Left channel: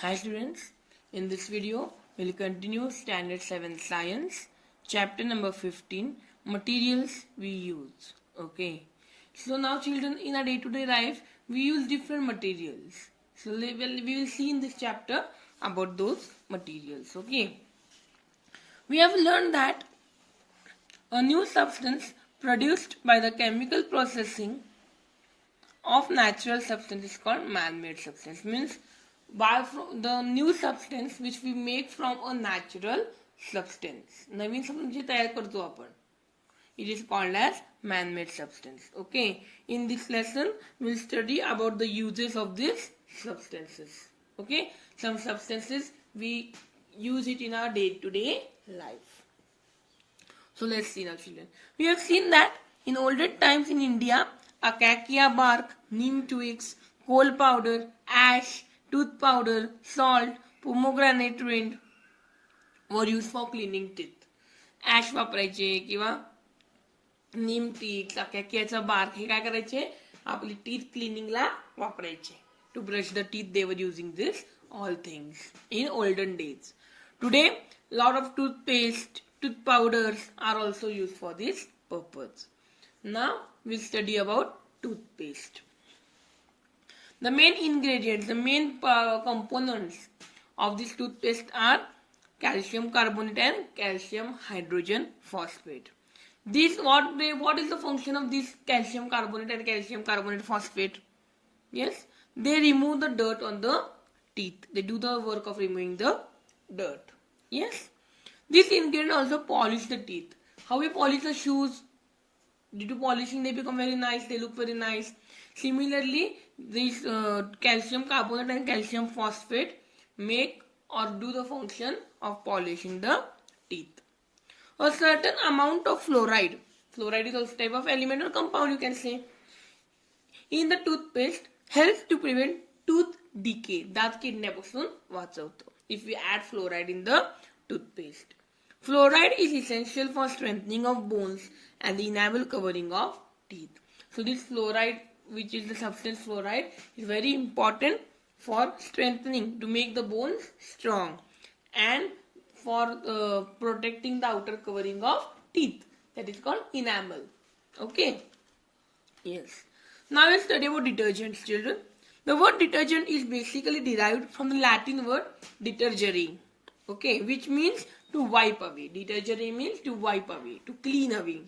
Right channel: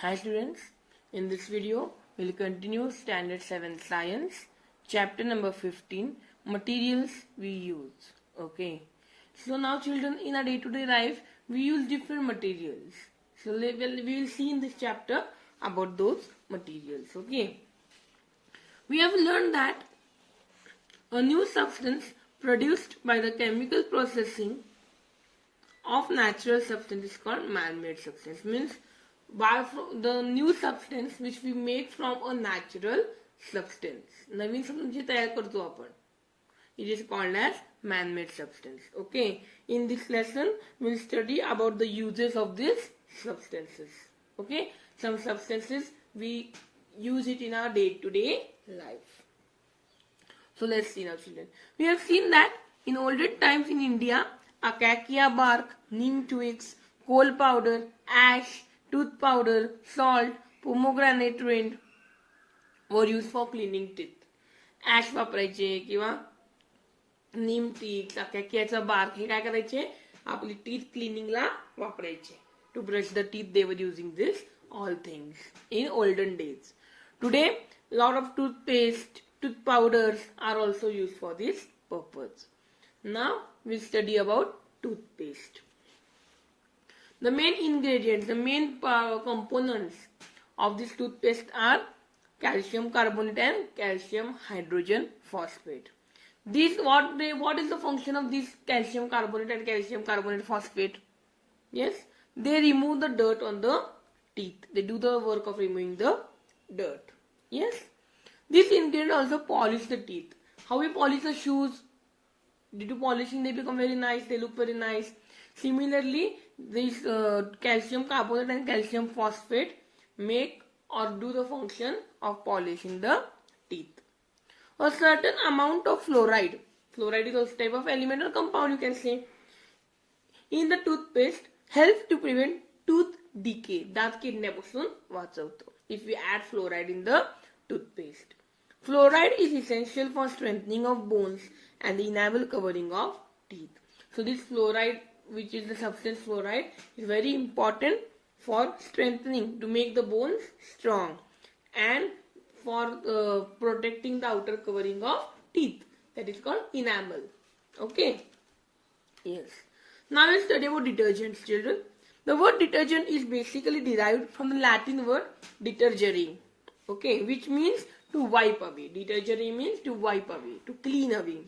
Hi students, in this video we will continue standard 7 science chapter number 15 materials we use. Okay, so now children, in our day-to-day life we use different materials. So we will see in this chapter about those materials. Okay, we have learned that a new substance produced by the chemical processing of natural substance is called man-made substance. Means by the new substance which we make from a natural substance. Naveen substance जे तयार करतो आपण, it is called as man-made substance. Okay, in this lesson we will study about the uses of these substances. Okay, some substances we use it in our day-to-day life. So let's see now, children. We have seen that in olden times in India, acacia bark, neem twigs, coal powder, ash, tooth powder, salt, pomegranate rind were used for cleaning teeth. Ash वापरायचे किंवा नीम ticks, acacia bark हे काय करायचे, आपली teeth क्लिनिंगला वापरायचे. To brush the teeth they were using this all things in olden days. Today, lot of toothpaste, tooth powders are also used for this purpose. Now we'll study about toothpaste. The main ingredients, the main components of this toothpaste are calcium carbonate and calcium hydrogen phosphate. What is the function of this calcium carbonate and calcium carbonate phosphate? Yes, they remove the dirt on the teeth. They do the work of removing the dirt. Yes, this ingredient also polish the teeth. How we polish the shoes? Due to polishing, they become very nice. They look very nice. Similarly, this calcium carbonate and calcium phosphate make or do the function of polishing the teeth. A certain amount of fluoride is also type of element or compound, you can say, in the toothpaste helps to prevent tooth decay. दात किडण्यापासून वाचवतो. If we add fluoride in the toothpaste. Fluoride is essential for strengthening of bones and the enamel covering of teeth. So this fluoride, which is the substance fluoride, is very important for strengthening, to make the bones strong, and for protecting the outer covering of teeth. That is called enamel. Okay. Yes. Now let's study about detergents, children. The word detergent is basically derived from the Latin word detergere. Okay, which means to wipe away. Detergere means to wipe away, to clean away.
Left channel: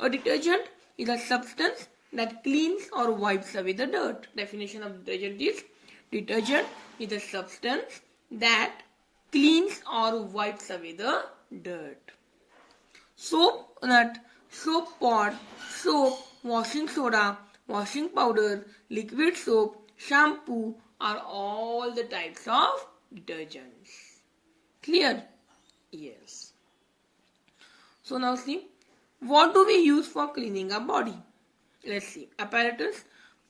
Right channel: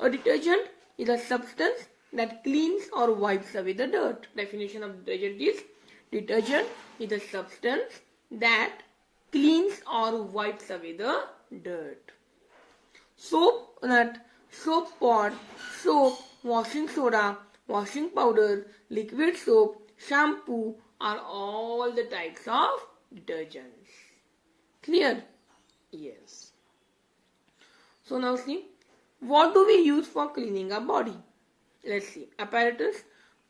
A detergent is a substance that cleans or wipes away the dirt. Definition of detergent is a substance that cleans or wipes away the dirt. Soap nut, soap pod, soap, washing soda, washing powder, liquid soap, shampoo are all the types of detergents. Clear? Yes. So now see, what do we use for cleaning our body? Let's see. Apparatus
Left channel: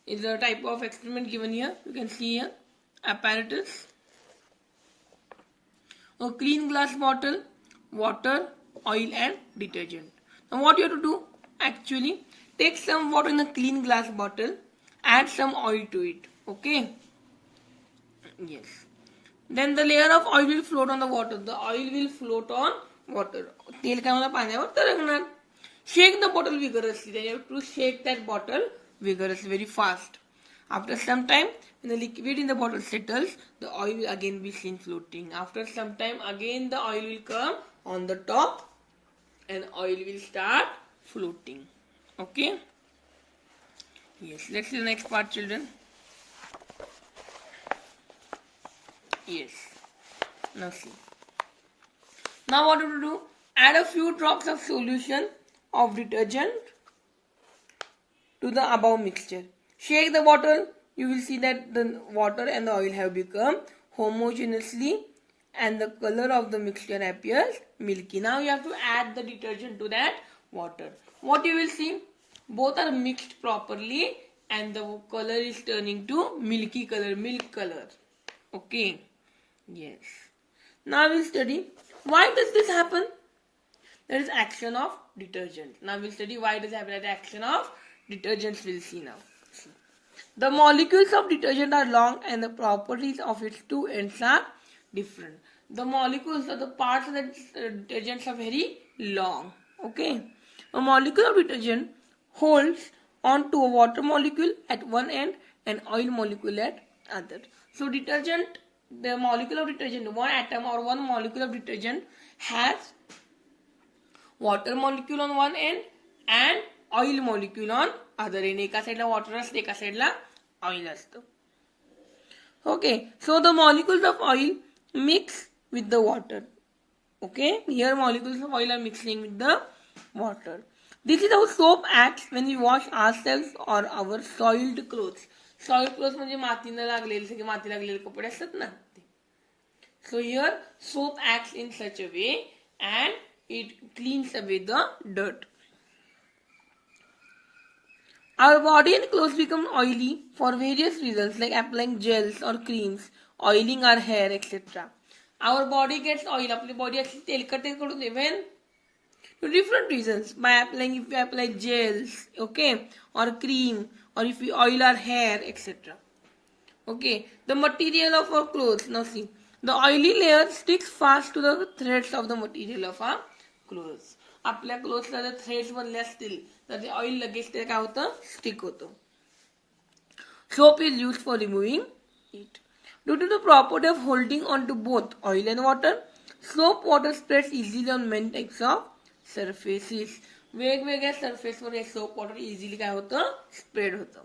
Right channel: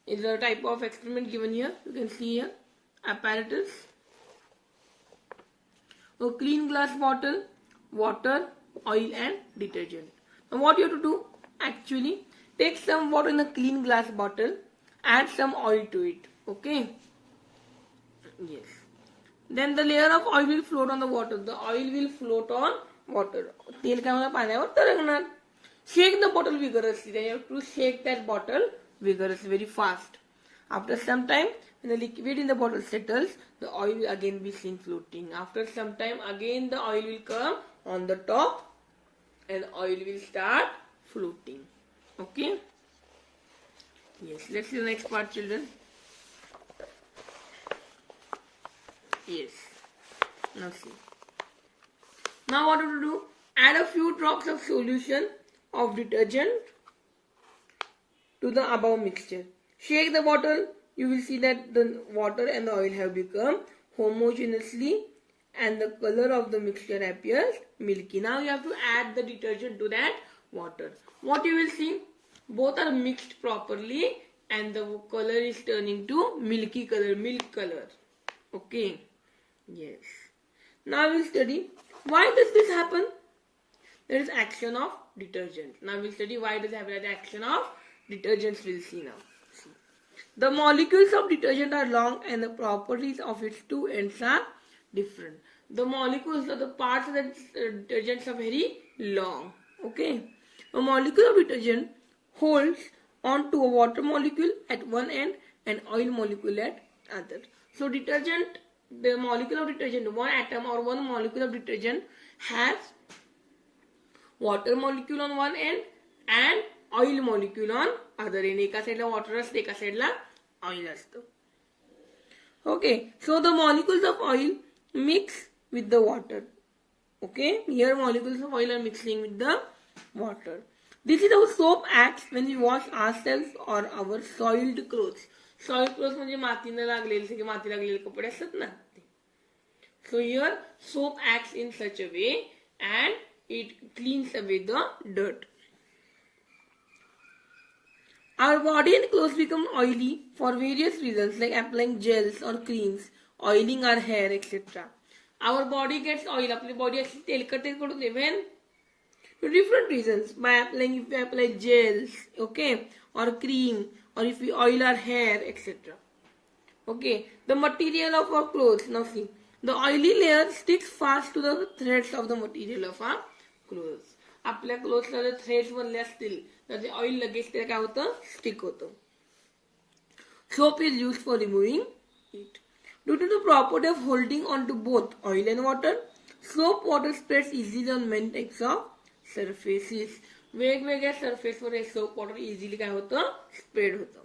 is a type of experiment given here. You can see here. Apparatus. A clean glass bottle, water, oil and detergent. Now what you have to do? Actually, take some water in a clean glass bottle, add some oil to it. Okay? Yes. Then the layer of oil will float on the water. The oil will float on water. तेल काय मला पाण्यावर तरंगणार. Shake the bottle vigorously. Then you have to shake that bottle vigorously, very fast. After some time, when the liquid in the bottle settles, the oil will again be seen floating. After some time, again the oil will come on the top and oil will start floating. Okay? Yes. Let's see the next part, children. Yes. Now see. Now what to do? Add a few drops of solution of detergent to the above mixture. Shake the bottle. You will see that the water and the oil have become homogeneously and the color of the mixture appears milky. Now you have to add the detergent to that water. What you will see? Both are mixed properly and the color is turning to milky color, milk color. Okay. Yes. Now we will study why does this happen? There is action of detergent. Now we will study why does it happen. The action of detergents we will see now. The molecules of detergent are long and the properties of its two ends are different. The molecules or the parts of the detergents are very long. Okay. A molecule of detergent holds on to a water molecule at one end and oil molecule at other. So detergent, the molecule of detergent, one atom or one molecule of detergent has water molecule on one end and oil molecule on other end. एका साइडला water असते, एका साइडला oil असतं. Okay, so the molecules of oil mix with the water. Okay, here molecules of oil are mixing with the water. This is how soap acts when we wash ourselves or our soiled clothes. Soiled clothes म्हणजे मातीने लागलेले, सगळे माती लागलेले कपडे असतात ना. So here soap acts in such a way and it cleans away the dirt. Our body and clothes become oily for various reasons like applying gels or creams, oiling our hair, etc. Our body gets oil. आपली body actually तेलकट करून दे when for different reasons. By applying, if we apply gels, okay, or cream, or if we oil our hair, etc. Okay, the material of our clothes. Now see, the oily layer sticks fast to the threads of the material of our clothes. आपल्या क्लोथ्सला जर threads बनले असतील तर ते oil लगेच ते काय होतं स्टिक होतं. Soap is used for removing it. Due to the property of holding on to both oil and water, soap water spreads easily on many types of surfaces. वेगवेगळ्या सरफेसवर हे सोप वॉटर इझिली काय होतं spread होतं.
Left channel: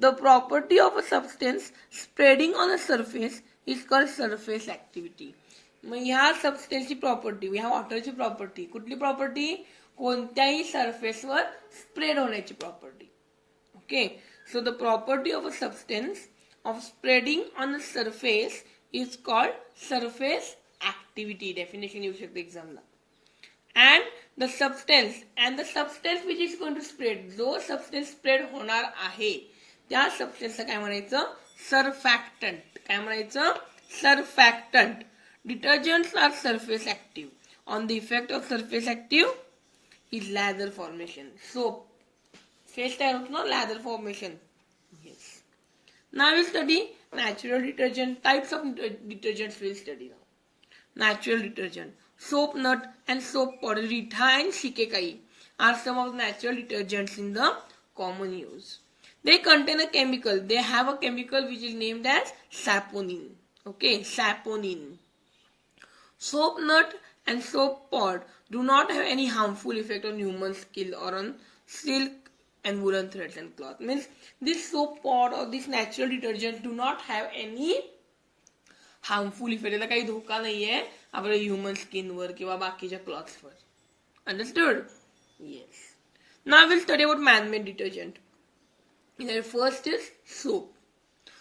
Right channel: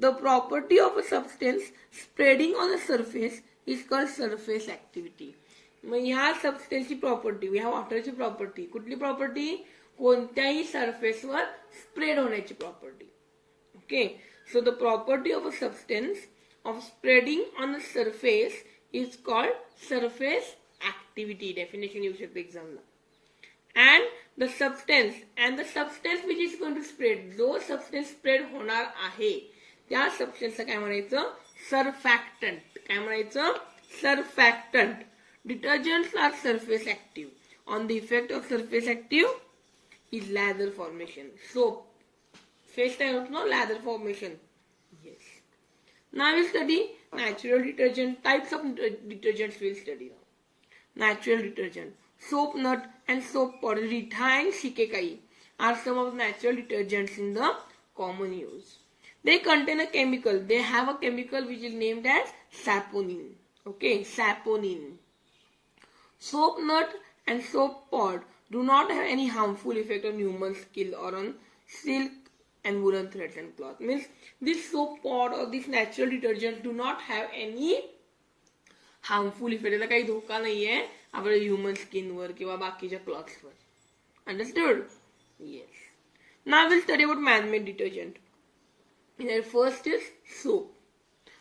The property of a substance spreading on a surface is called surface activity. मग ह्या सबस्टेन्सची property, ह्या वॉटरची property, कुठली property, कोणत्याही सरफेसवर स्प्रेड होण्याची property. Okay, so the property of a substance of spreading on a surface is called surface activity. Definition येऊ शकते एक्झामला. And the substance which is going to spread, जो सबस्टेन्स spread होणार आहे त्या सबस्टेन्सला काय म्हणायचं सरफॅक्टंट. काय म्हणायचं सरफॅक्टंट. Detergents are surface active. On the effect of surface active is lather formation. Soap face तयार होतो ना lather formation. Yes. Now we study natural detergent. Types of detergents we'll study now. Natural detergent. Soap nut and soap powder, Rita and Shikekai are some of the natural detergents in the common use. They contain a chemical. They have a chemical which is named as saponin. Okay, saponin. Soap nut and soap pod do not have any harmful effect on human skin or on silk and woolen threads and cloth. Means this soap pod or this natural detergent do not have any harmful effect. याचा काही धोका नाहीये आपल्या human स्किनवर किंवा बाकीच्या क्लॉथ्सवर. Understood? Yes. Now will study about man-made detergent. First is soap.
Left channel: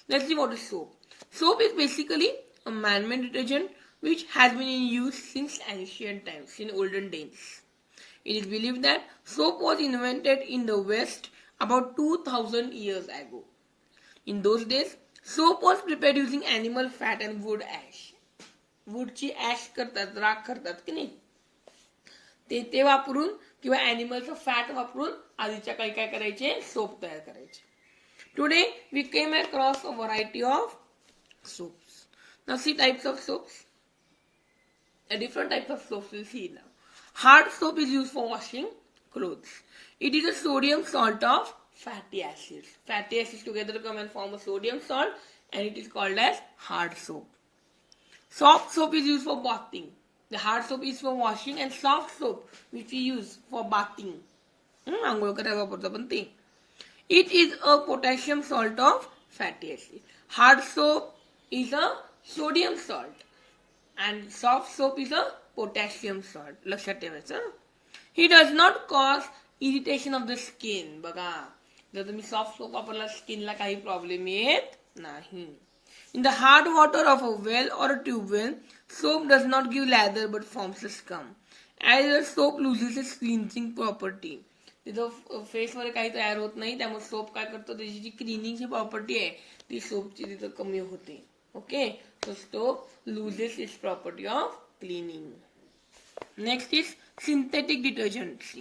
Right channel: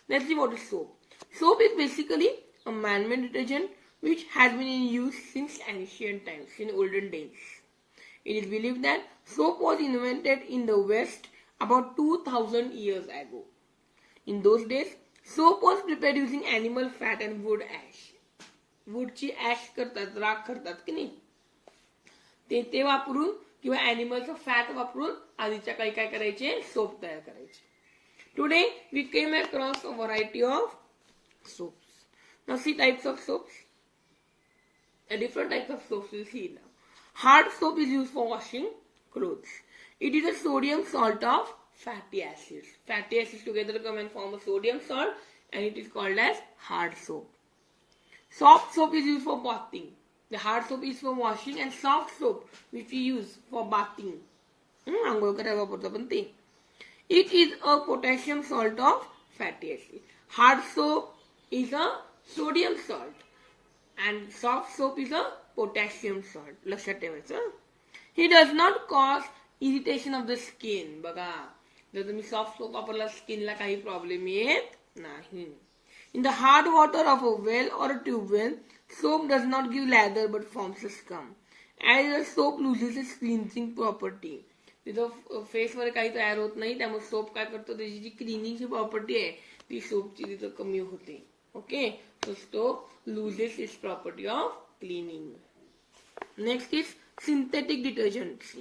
Let's see what is soap. Soap is basically a man-made detergent which has been in use since ancient times, in olden days. It is believed that soap was invented in the West about 2000 years ago. In those days, soap was prepared using animal fat and wood ash. वूडची ash करतात, राख करतात की नाही, ते वापरून किंवा ॲनिमलचं fat वापरून आधीच्या काही काय करायचे सोप तयार करायचे. Today we came across a variety of soaps. Now see types of soaps. Different types of soaps we'll see now. Hard soap is used for washing clothes. It is a sodium salt of fatty acids. Fatty acids together come and form a sodium salt and it is called as hard soap. Soft soap is used for bathing. The hard soap is for washing and soft soap which we use for bathing. आंघोळ करायला वापरतो पण ते. It is a potassium salt of fatty acid. Hard soap is a sodium salt and soft soap is a potassium salt. लक्षात ठेवायचं. He does not cause irritation of the skin. बघा जर तुम्ही सॉफ्ट सोप वापरला स्किनला काही problem येत नाही. In the hard water of a well or a tube well, soap does not give lather but forms a scum. As the soap loses its cleansing property. तिथं फेसवर काही तयार होत नाही त्यामुळे सोप काय करतो त्याची जी क्लिनिंगची प्रॉपर्टी आहे ती सोपची तिथं कमी होते. Okay, so soap loses its property of cleaning. Next is synthetic detergents.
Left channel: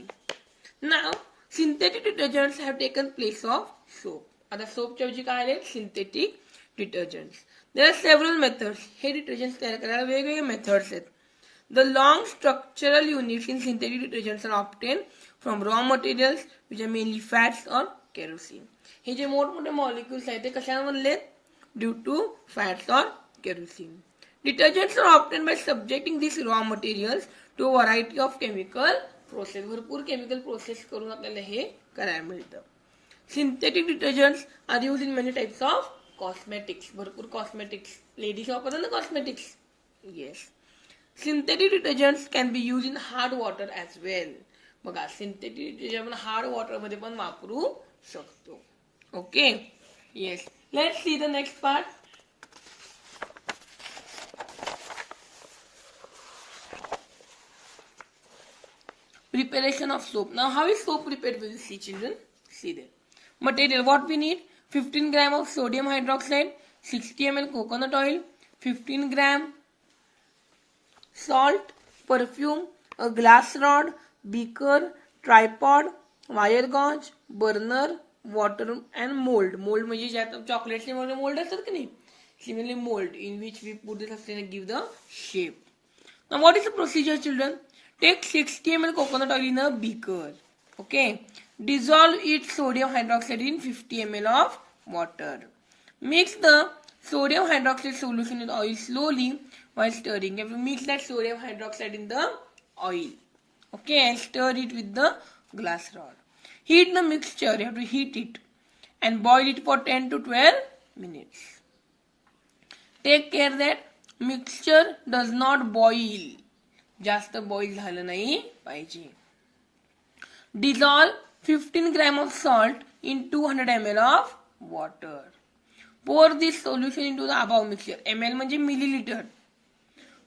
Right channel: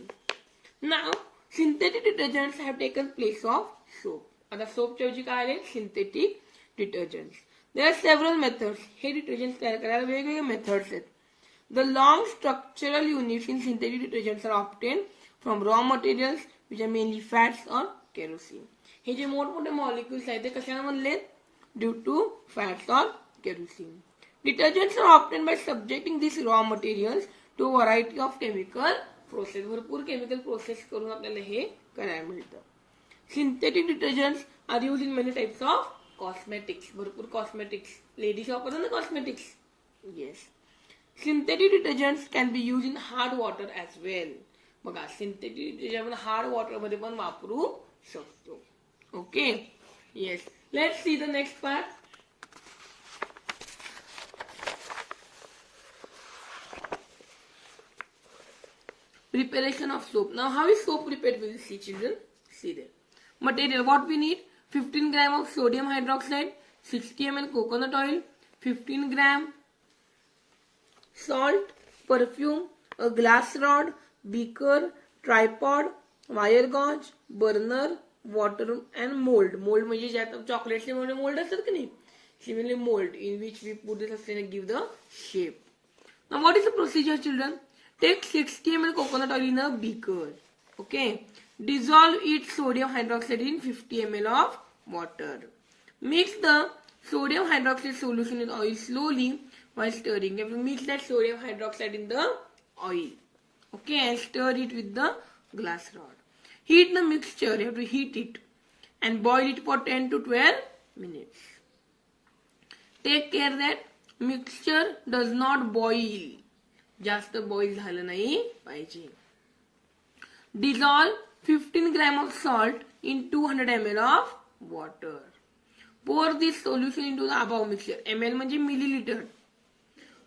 Now synthetic detergents have taken place of soap. आता सोपच्या ऐवजी काय आले synthetic detergents. There are several methods. हे डिटर्जंट्स तयार करायला वेगवेगळे मेथड्स आहेत. The long structural units in synthetic detergents are obtain from raw materials which are mainly fats और केरोसिन. हे जे मोठमोठे मॉलिक्युल्स आहेत ते कशाने बनले ड्यू टू फॅट्स और kerosene. Detergents are obtained by subjecting these raw materials to a variety of chemical process. भरपूर केमिकल प्रोसेस करून आपल्याला हे करायला मिळतं. Synthetic detergents are used in many types of cosmetics. भरपूर कॉस्मेटिक्स लेडीज वापरतात ना cosmetics. Yes. Synthetic detergents can be used in hard water as well. बघा synthetic detergent आपण हार्ड वॉटर मध्ये पण वापरू शकतो. Okay. Yes. Let's see the next part. Preparation of soap. Now, how is soap prepared? Will you see, children? See there. Material. What we need? 15 gram of sodium hydroxide, 60 ml coconut oil, 15 gram salt, perfume, a glass rod, beaker, tripod, wire gauze, burner, water and mold. Mold म्हणजे ज्यात चॉकलेटचे mould असतात की नाही. Similarly, mold in which we put the substance and give the shape. Now, what is the procedure, children? Take 60 ml coconut oil in a beaker. Okay. Dissolve its sodium hydroxide in 50 ml of water. Mix the sodium hydroxide solution in oil slowly while stirring. You have to mix that sodium hydroxide in the oil. Okay. And stir it with the glass rod. Heat the mixture. You have to heat it. And boil it for 10 to 12 minutes. Take care that mixture does not boil. जास्त boil झालं नाही पाहिजे. Dissolve 15 gram of salt in 200 ml of water. Pour this solution into the above mixture. ml म्हणजे millilitre.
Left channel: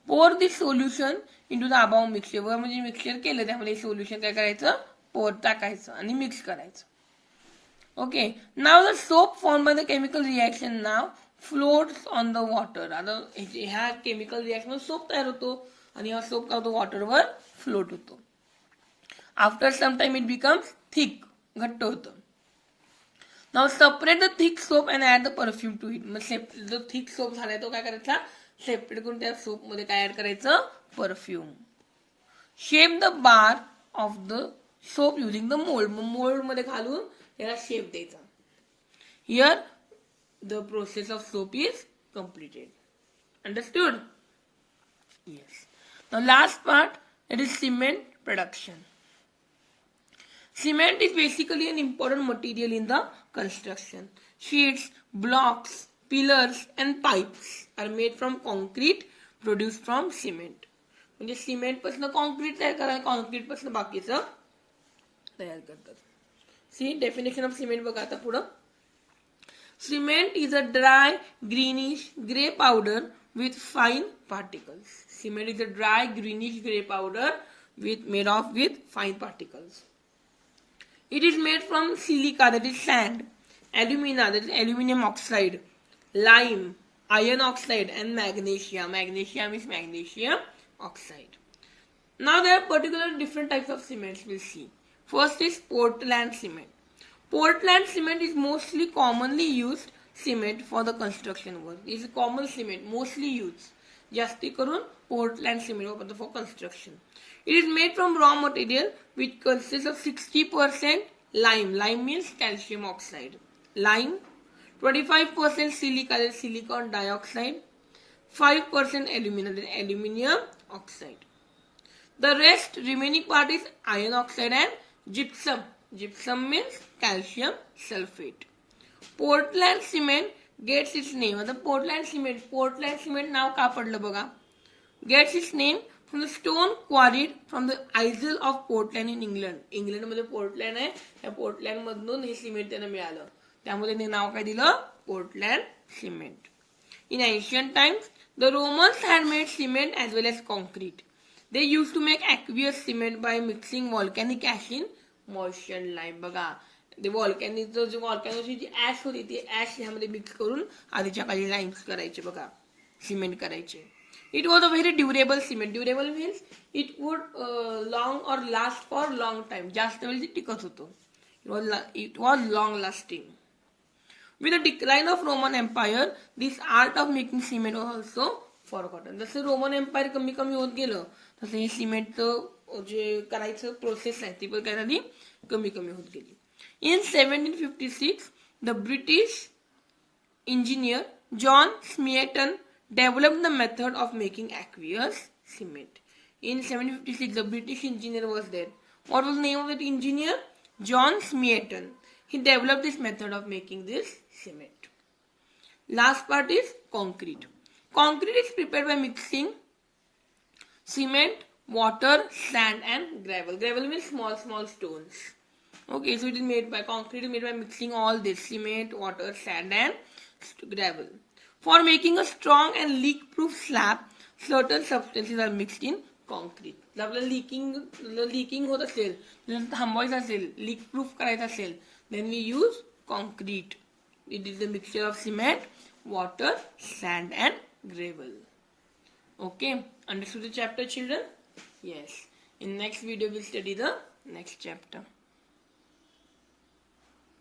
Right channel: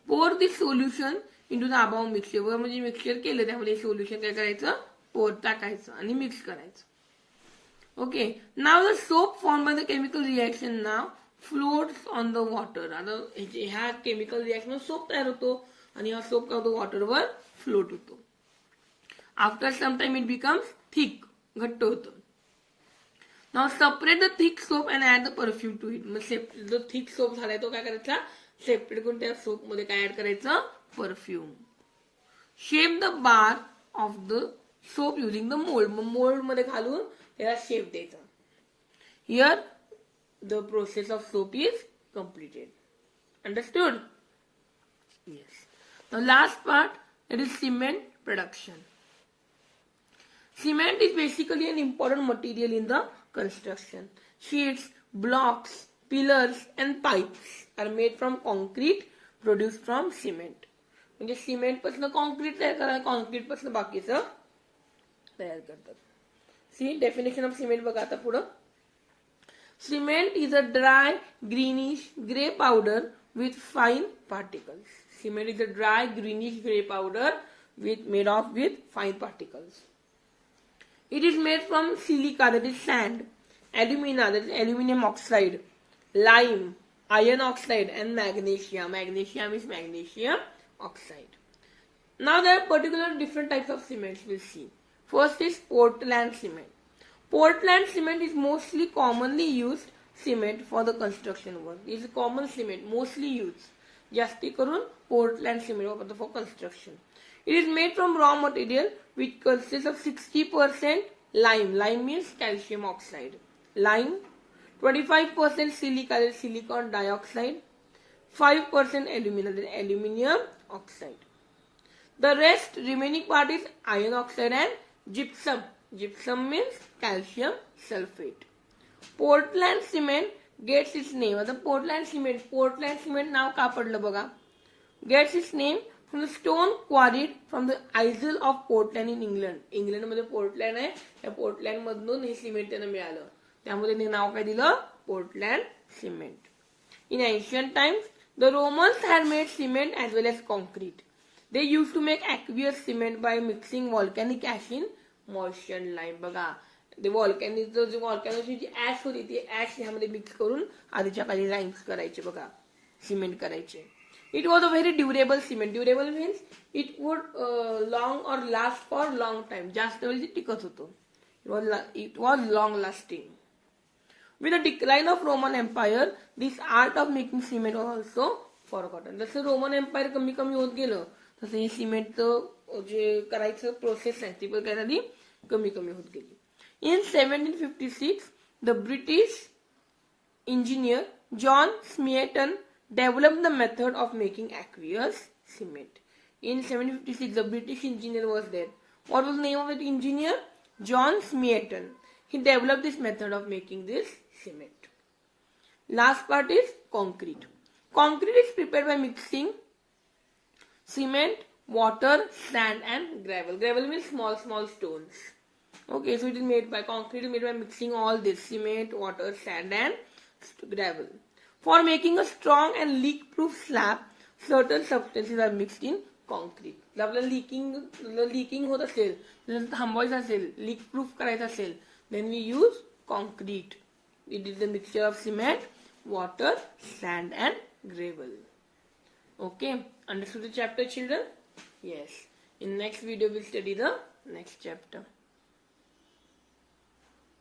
Pour this solution into the above mixture. वर म्हणजे mixture केलं त्यामध्ये solution काय करायचं पोर टाकायचं आणि मिक्स करायचं. Okay. Now the soap form by the chemical reaction now floats on the water. आता ह्या केमिकल रिएक्शन सोप तयार होतो आणि हा सोप काय होतो वॉटरवर फ्लोट होतो. After some time it becomes thick घट्ट होतं. Now separate the thick soap and add the perfume to it. मग जो थिक सोप झालाय तो काय करायचा सेपरेट करून त्या सोप मध्ये काय ऍड करायचं perfume. Shape the bar of the soap using the mould. Mug mould मध्ये घालून त्याला शेप द्यायचा. Here the process of soap is completed. Understood? Yes. Now last part, that is cement production. Cement is basically an important material in the construction. Sheets, blocks, pillars and pipes are made from concrete produced from cement. म्हणजे cement पासून concrete तयार करा, concrete पासून बाकीचं तयार करतात. सी definition of cement बघा आता पुढं. Cement is a dry, greenish, gray powder with fine particles. Cement is a dry, greenish, gray powder made with fine particles. It is made from silica, that is sand, alumina, that is aluminum oxide, lime, iron oxide, and magnesium. Magnesium is magnesium oxide. Now there are particular different types of cements we'll see. First is Portland cement. Portland cement is mostly commonly used cement for the construction work. It is a common cement, mostly used. जास्ती करून Portland cement वापरतो for construction. It is made from raw material which consists of 60% lime. Lime means calcium oxide. Lime, 25% silica, that is silicon dioxide, 5% alumina, that is aluminium oxide. The rest remaining part is iron oxide and gypsum. Gypsum means calcium sulfate. Portland cement gets its name. आता Portland cement नाव का पडलं बघा. Gets its name from the stone quarried from the Isle of Portland in England. England मध्ये Portland आहे. त्या Portland मधून हे cement त्यांना मिळालं. त्यामुळे त्यांनी नाव काय दिलं Portland cement. In ancient times, the Romans had made cement as well as concrete. They used to make aqueous cement by mixing volcanic ash in moistened lime. बघा ते व्हॉल्कॅनोची जी ऍश होती ती ऍश ह्यामध्ये मिक्स करून आधीच्या काळी लाईम्स करायचे बघा सिमेंट करायचे. It was a very durable cement. Durable means it would long or last for long time. जास्त वेळ ते टिकत होतो. It was long lasting. With the decline of Roman Empire, this art of making cement was also forgotten. जसं Roman empire कमी कमी होत गेलं तसं हे सिमेंटचं जे करायचं प्रोसेस आहे ती पण काय झाली कमी कमी होत गेली. In 1756, the British engineer John Smeaton developed the method of making aqueous cement. In 1756, the British engineer was there. What was the name of that engineer? John Smeaton. He developed this method of making this cement. Last part is concrete. Concrete is prepared by mixing cement, water, sand and gravel. Gravel means small stones. Okay, so it is made by concrete is made by mixing all this cement, water, sand and gravel. For making a strong and leak-proof slab, certain substances are mixed in concrete. जर आपल्याला licking होत असेल, थांबवायचं असेल, leak proof करायचं असेल, then we use concrete. It is the mixture of cement, water, sand and gravel. Okay, understood the chapter, children? Yes. In next video we'll study the next chapter.